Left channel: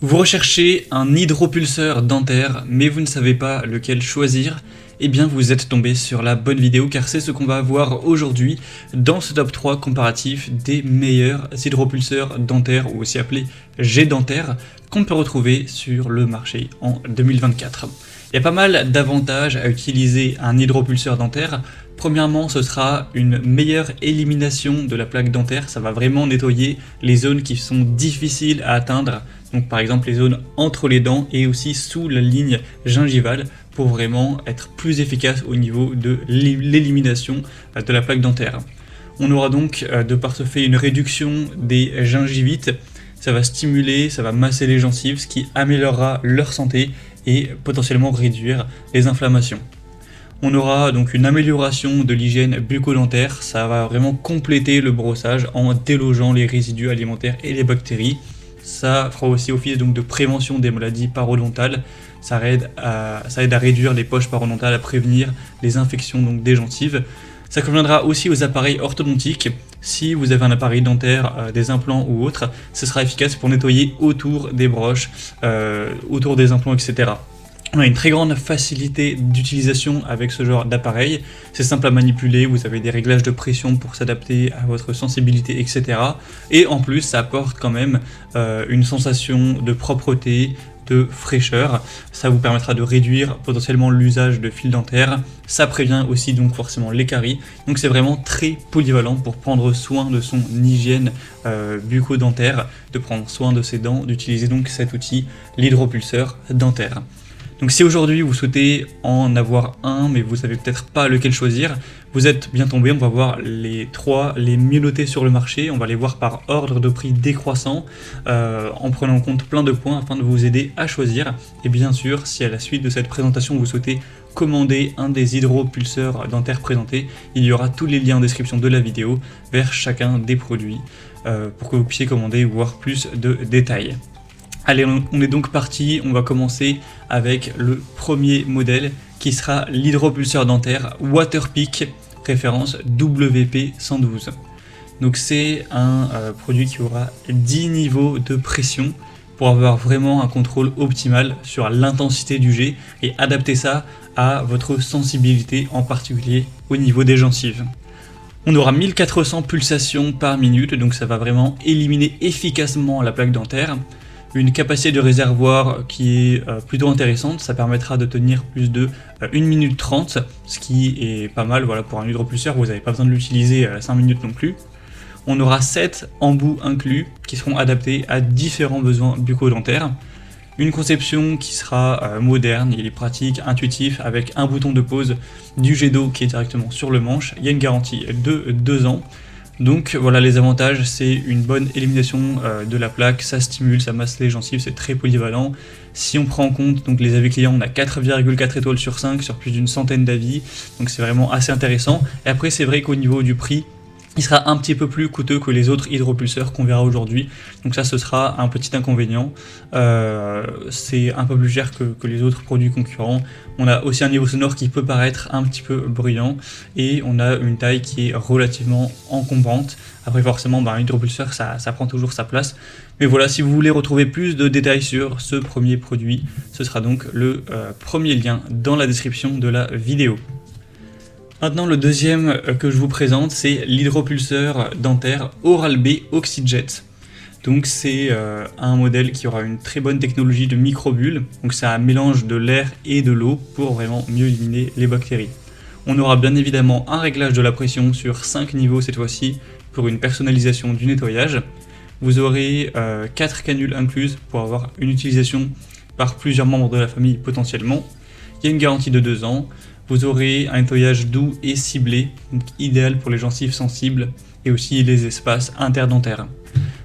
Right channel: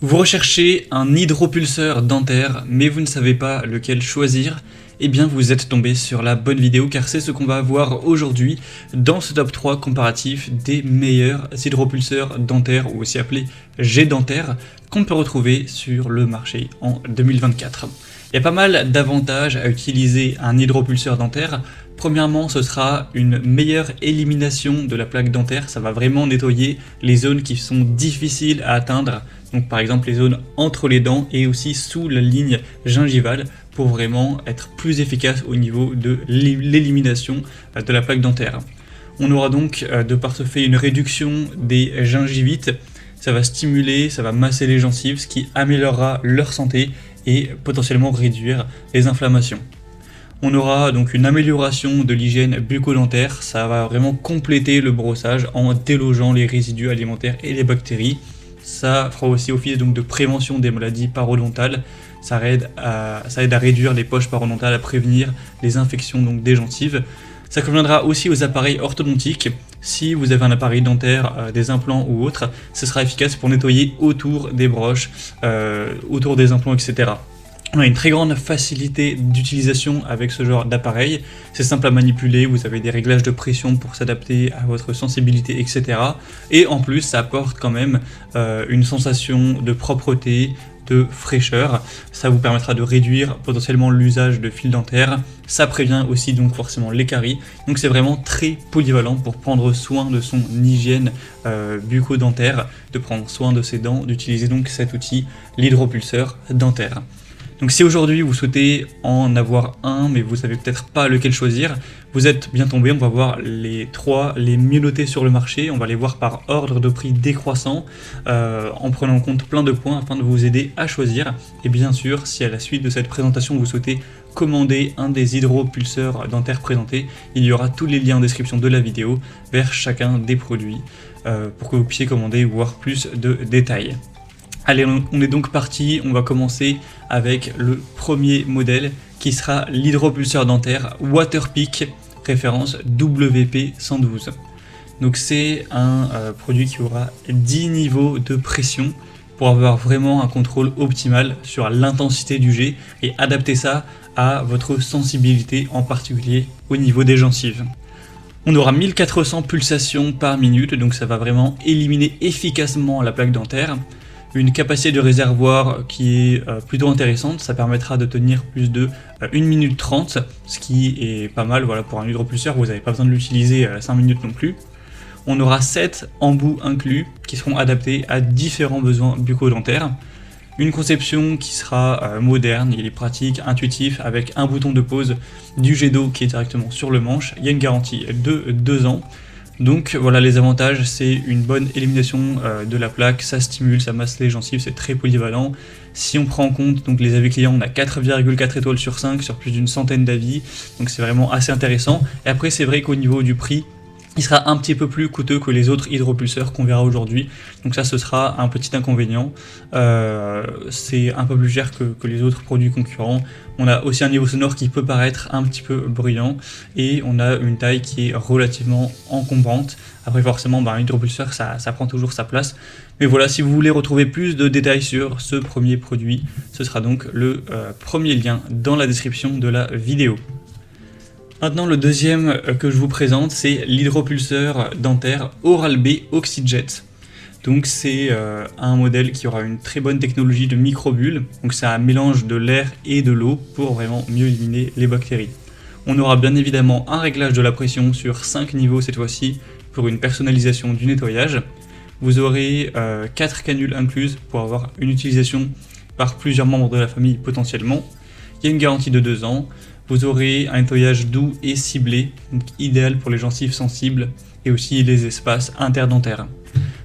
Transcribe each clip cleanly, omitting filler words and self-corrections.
Vous recherchez un hydropulseur dentaire, mais vous ne savez pas lequel choisir? Eh bien vous êtes tombé sur la bonne vidéo car c'est ce qu'on va voir aujourd'hui dans ce top 3 comparatif des meilleurs hydropulseurs dentaires ou aussi appelés G-dentaires qu'on peut retrouver sur le marché en 2024. Il y a pas mal d'avantages à utiliser un hydropulseur dentaire. Premièrement, ce sera une meilleure élimination de la plaque dentaire, ça va vraiment nettoyer les zones qui sont difficiles à atteindre. Donc par exemple les zones entre les dents et aussi sous la ligne gingivale pour vraiment être plus efficace au niveau de l'élimination de la plaque dentaire. On aura donc de par ce fait une réduction des gingivites, ça va stimuler, ça va masser les gencives, ce qui améliorera leur santé et potentiellement réduire les inflammations. On aura donc une amélioration de l'hygiène bucco-dentaire, ça va vraiment compléter le brossage en délogeant les résidus alimentaires et les bactéries. Ça fera aussi office donc de prévention des maladies parodontales, ça aide à réduire les poches parodontales, à prévenir les infections donc des gencives. Ça conviendra aussi aux appareils orthodontiques. Si vous avez un appareil dentaire, des implants ou autre, ce sera efficace pour nettoyer autour des broches, autour des implants, etc. On a une très grande facilité d'utilisation avec ce genre d'appareil. C'est simple à manipuler, vous avez des réglages de pression pour s'adapter à votre sensibilité, etc. Et en plus, ça apporte quand même une sensation de propreté, de fraîcheur. Ça vous permettra de réduire potentiellement l'usage de fils dentaires. Ça prévient aussi donc les caries. Donc c'est vraiment très polyvalent pour prendre soin de son hygiène bucco-dentaire, de prendre soin de ses dents, d'utiliser donc cet outil, l'hydropulseur dentaire. Donc si aujourd'hui vous souhaitez en avoir un, mais vous savez peut-être pas lequel choisir, vous êtes bien tombé. On va voir les trois les mieux notés sur le marché. On va les voir par ordre de prix décroissant, en prenant en compte plein de points afin de vous aider à choisir. Et bien sûr, si à la suite de cette présentation vous souhaitez commander un des hydropulseurs dentaires présentés, il y aura tous les liens en description de la vidéo vers chacun des produits pour que vous puissiez commander et voir plus de détails. Allez, on est donc parti, on va commencer avec le premier modèle qui sera l'hydropulseur dentaire Waterpik, référence WP112. Donc c'est un produit qui aura 10 niveaux de pression pour avoir vraiment un contrôle optimal sur l'intensité du jet et adapter ça à votre sensibilité, en particulier au niveau des gencives. On aura 1400 pulsations par minute, donc ça va vraiment éliminer efficacement la plaque dentaire. Une capacité de réservoir qui est plutôt intéressante, ça permettra de tenir plus de 1 minute 30, ce qui est pas mal. Voilà, pour un hydropulseur, vous n'avez pas besoin de l'utiliser 5 minutes non plus. On aura 7 embouts inclus qui seront adaptés à différents besoins bucco-dentaires. Une conception qui sera moderne, il est pratique, intuitif, avec un bouton de pause, du jet d'eau qui est directement sur le manche. Il y a une garantie de 2 ans. Donc voilà les avantages, c'est une bonne élimination de la plaque, ça stimule, ça masse les gencives, c'est très polyvalent. Si on prend en compte donc les avis clients, on a 4,4 étoiles sur 5 sur plus d'une centaine d'avis, donc c'est vraiment assez intéressant. Et après c'est vrai qu'au niveau du prix, il sera un petit peu plus coûteux que les autres hydropulseurs qu'on verra aujourd'hui. Donc ça, ce sera un petit inconvénient. C'est un peu plus cher que les autres produits concurrents. On a aussi un niveau sonore qui peut paraître un petit peu bruyant. Et on a une taille qui est relativement encombrante. Après forcément, un hydropulseur, ça prend toujours sa place. Mais voilà, si vous voulez retrouver plus de détails sur ce premier produit, ce sera donc le premier lien dans la description de la vidéo. Maintenant, le deuxième que je vous présente, c'est l'hydropulseur dentaire Oral-B Oxyjet. Donc c'est un modèle qui aura une très bonne technologie de microbulle, donc c'est un mélange de l'air et de l'eau pour vraiment mieux éliminer les bactéries. On aura bien évidemment un réglage de la pression sur 5 niveaux cette fois-ci pour une personnalisation du nettoyage. Vous aurez 4 canules incluses pour avoir une utilisation par plusieurs membres de la famille potentiellement. Il y a une garantie de 2 ans. Vous aurez un nettoyage doux et ciblé, donc idéal pour les gencives sensibles et aussi les espaces interdentaires.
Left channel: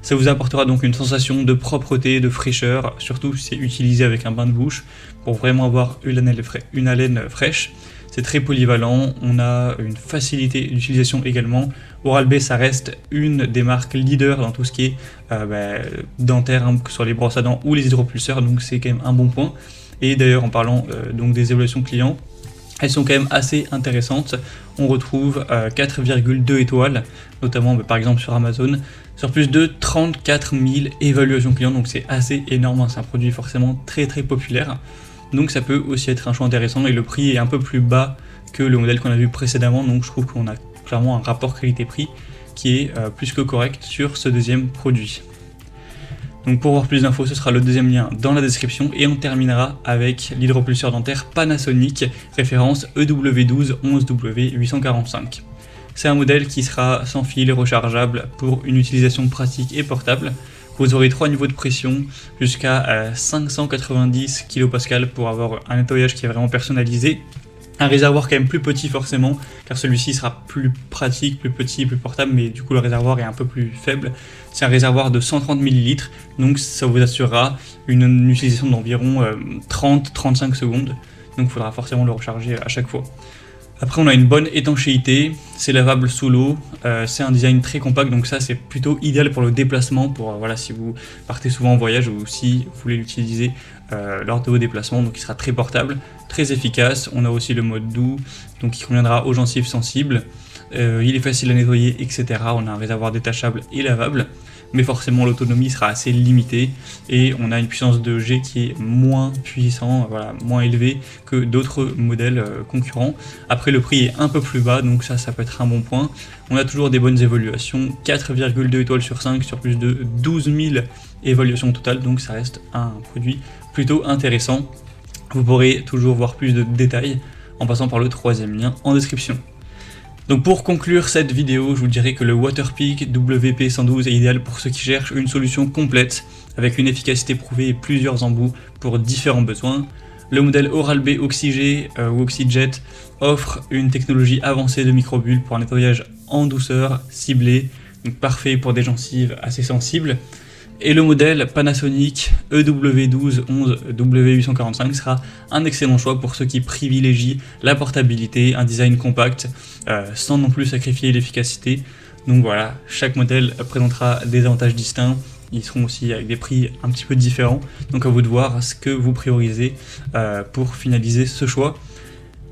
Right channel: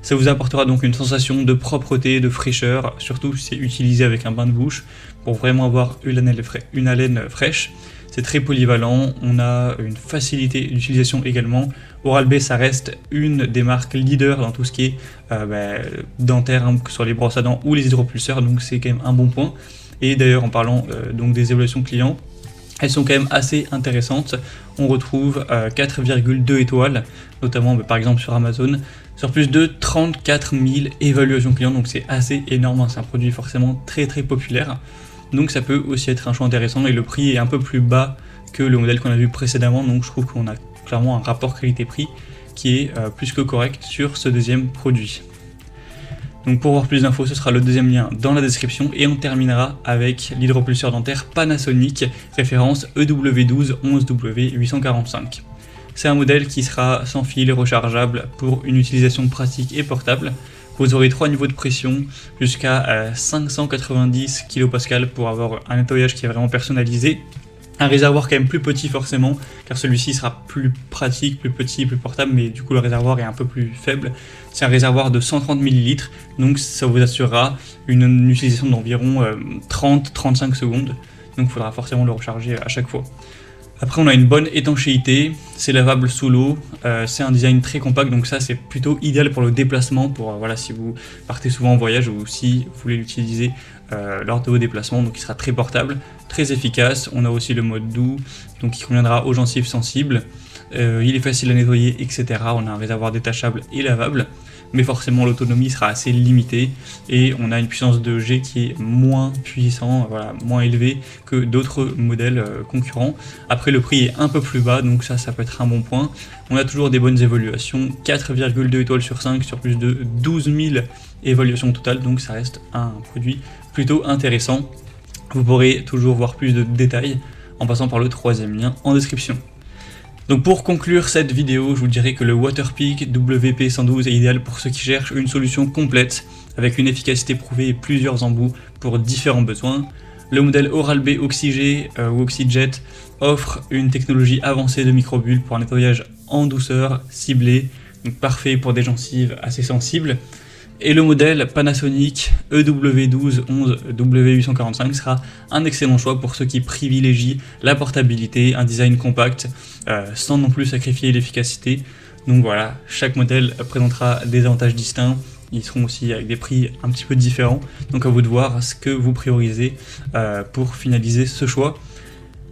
Ça vous apportera donc une sensation de propreté, de fraîcheur, surtout si c'est utilisé avec un bain de bouche pour vraiment avoir une haleine fraîche. C'est très polyvalent, on a une facilité d'utilisation également. Oral-B, ça reste une des marques leaders dans tout ce qui est dentaire, que ce soit les brosses à dents ou les hydropulseurs, donc c'est quand même un bon point. Et d'ailleurs, en parlant donc des évaluations clients, elles sont quand même assez intéressantes. On retrouve 4,2 étoiles, notamment par exemple sur Amazon. sur plus de 34 000 évaluations clients, donc c'est assez énorme, hein. C'est un produit forcément très populaire, donc ça peut aussi être un choix intéressant, et le prix est un peu plus bas que le modèle qu'on a vu précédemment, donc je trouve qu'on a clairement un rapport qualité-prix qui est plus que correct sur ce deuxième produit. Donc pour voir plus d'infos, ce sera le deuxième lien dans la description, et on terminera avec l'hydropulseur dentaire Panasonic, référence EW12 11W845. C'est un modèle qui sera sans fil, rechargeable pour une utilisation pratique et portable. Vous aurez 3 niveaux de pression jusqu'à 590 kPa pour avoir un nettoyage qui est vraiment personnalisé. Un réservoir quand même plus petit forcément, car celui-ci sera plus pratique, plus petit, plus portable, mais du coup le réservoir est un peu plus faible. C'est un réservoir de 130 ml, donc ça vous assurera une utilisation d'environ 30-35 secondes, donc il faudra forcément le recharger à chaque fois. Après on a une bonne étanchéité, c'est lavable sous l'eau, c'est un design très compact, donc ça c'est plutôt idéal pour le déplacement, pour voilà, si vous partez souvent en voyage ou si vous voulez l'utiliser lors de vos déplacements, donc il sera très portable, très efficace. On a aussi le mode doux, donc il conviendra aux gencives sensibles, il est facile à nettoyer, etc. On a un réservoir détachable et lavable, mais forcément l'autonomie sera assez limitée, et on a une puissance de jet qui est moins puissant, voilà, moins élevée que d'autres modèles concurrents. Après le prix est un peu plus bas, donc ça peut être un bon point. On a toujours des bonnes évaluations, 4,2 étoiles sur 5 sur plus de 12 000 évaluations totales, donc ça reste un produit plutôt intéressant. Vous pourrez toujours voir plus de détails en passant par le troisième lien en description. Donc pour conclure cette vidéo, je vous dirais que le Waterpik WP112 est idéal pour ceux qui cherchent une solution complète avec une efficacité prouvée et plusieurs embouts pour différents besoins. Le modèle Oral-B Oxygé ou Oxyjet offre une technologie avancée de microbulle pour un nettoyage en douceur, ciblé, donc parfait pour des gencives assez sensibles. Et le modèle Panasonic EW12 11W845 sera un excellent choix pour ceux qui privilégient la portabilité, un design compact, sans non plus sacrifier l'efficacité. Donc voilà, chaque modèle présentera des avantages distincts, ils seront aussi avec des prix un petit peu différents, donc à vous de voir ce que vous priorisez pour finaliser ce choix.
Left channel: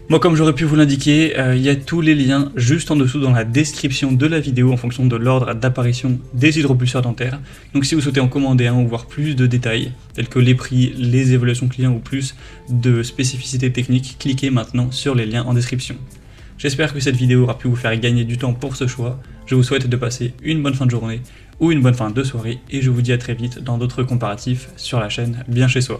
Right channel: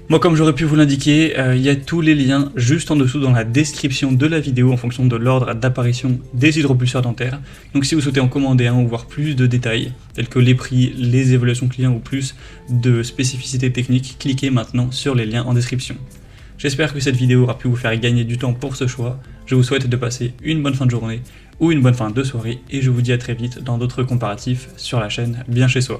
Moi, comme j'aurais pu vous l'indiquer, il y a tous les liens juste en dessous dans la description de la vidéo en fonction de l'ordre d'apparition des hydropulseurs dentaires. Donc si vous souhaitez en commander un ou voir plus de détails, tels que les prix, les évaluations clients ou plus de spécificités techniques, cliquez maintenant sur les liens en description. J'espère que cette vidéo aura pu vous faire gagner du temps pour ce choix. Je vous souhaite de passer une bonne fin de journée ou une bonne fin de soirée, et je vous dis à très vite dans d'autres comparatifs sur la chaîne Bien Chez Soi.